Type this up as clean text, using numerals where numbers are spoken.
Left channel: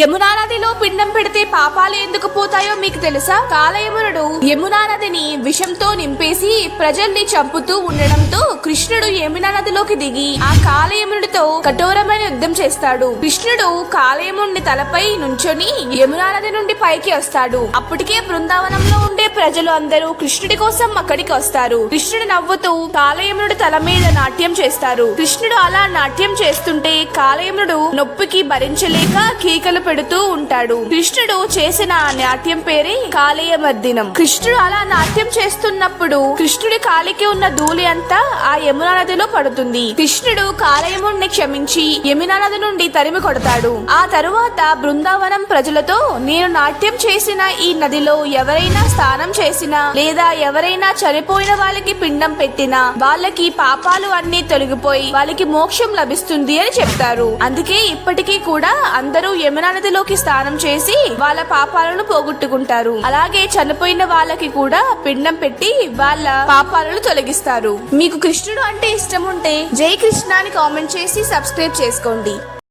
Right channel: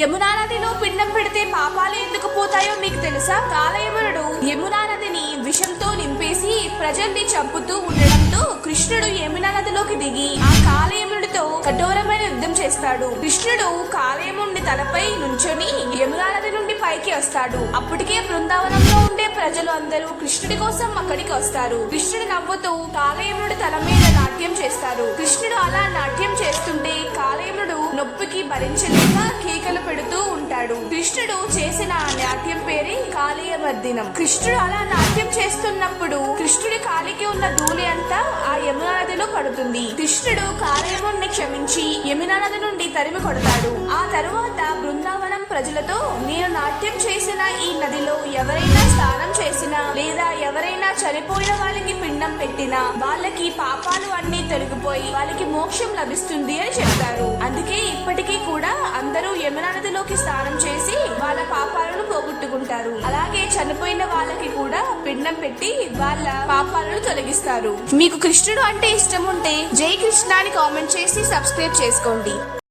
యమునా నదిలో పిండం పెడితే పాపాలు ఎందుకు పోతాయో మీకు తెలుసా? కాలయమునుడు యమునా నదిని విషంతో నింపేసి ప్రజల్ని చంపుతూ ఉండడంతో కృష్ణుడు యమునా నదిలోకి దిగి ఆ కాలయమునుడితో కఠోరమైన యుద్ధం చేస్తాడు. కృష్ణుడు కాలయముని తలపై నుంచొని యమునా నది నుండి పైకి వస్తాడు. అప్పటికే బృందావనంలో ఉండే ప్రజలు అందరూ కృష్ణుడి కోసం అక్కడికి వస్తారు. కృష్ణుడు నవ్వుతూ కాలయమునుడి తల మీద నాట్యం చేస్తారు. కృష్ణుడు అలా నాట్యం చేస్తుంటే కాలయమునుడు నొప్పికి భరించలేక కేకలు పెడుతూ ఉంటాడు. కృష్ణుడు చేసిన ఆ నాట్యం పేరే కాళీయమర్దినం. కృష్ణుడు అలా నాట్యం చేస్తున్నప్పుడు కృష్ణుడి కాలికి ఉన్న ధూళి అంతా ఆ యమునా నదిలో పడుతుంది. కృష్ణుడు కాలయముని క్షమించి యమునా నది నుండి తరిమి కొడతాడు. ఆ తరువాత బృందావనం ప్రజలతో, నేను నాట్యం చేసిన ఈ నదిలో ఎవరైనా స్నానం చేసినా లేదా ఎవరైనా చనిపోయిన వాళ్ళకి పిండం పెట్టినా వాళ్ళకి పాపాలు అన్ని తొలగిపోయి వాళ్ళకి మోక్షం లభిస్తుంది అని చెప్తారు. అందుకే ఇప్పటికీ కూడా అందరూ యమునా నదిలోకి స్నానం చేసి వాళ్ళ పాపాలను పోగొట్టుకుంటారు. అలాగే చనిపోయిన వాళ్ళకి కూడా పిండం పెట్టి వాళ్ళ పాపాలను తొలగిస్తారు. మీకు కృష్ణుడు అంటే ఇష్టం ఉంటే జై కృష్ణ అని కామెంట్ చేసి సబ్స్క్రైబ్ చేసుకోండి.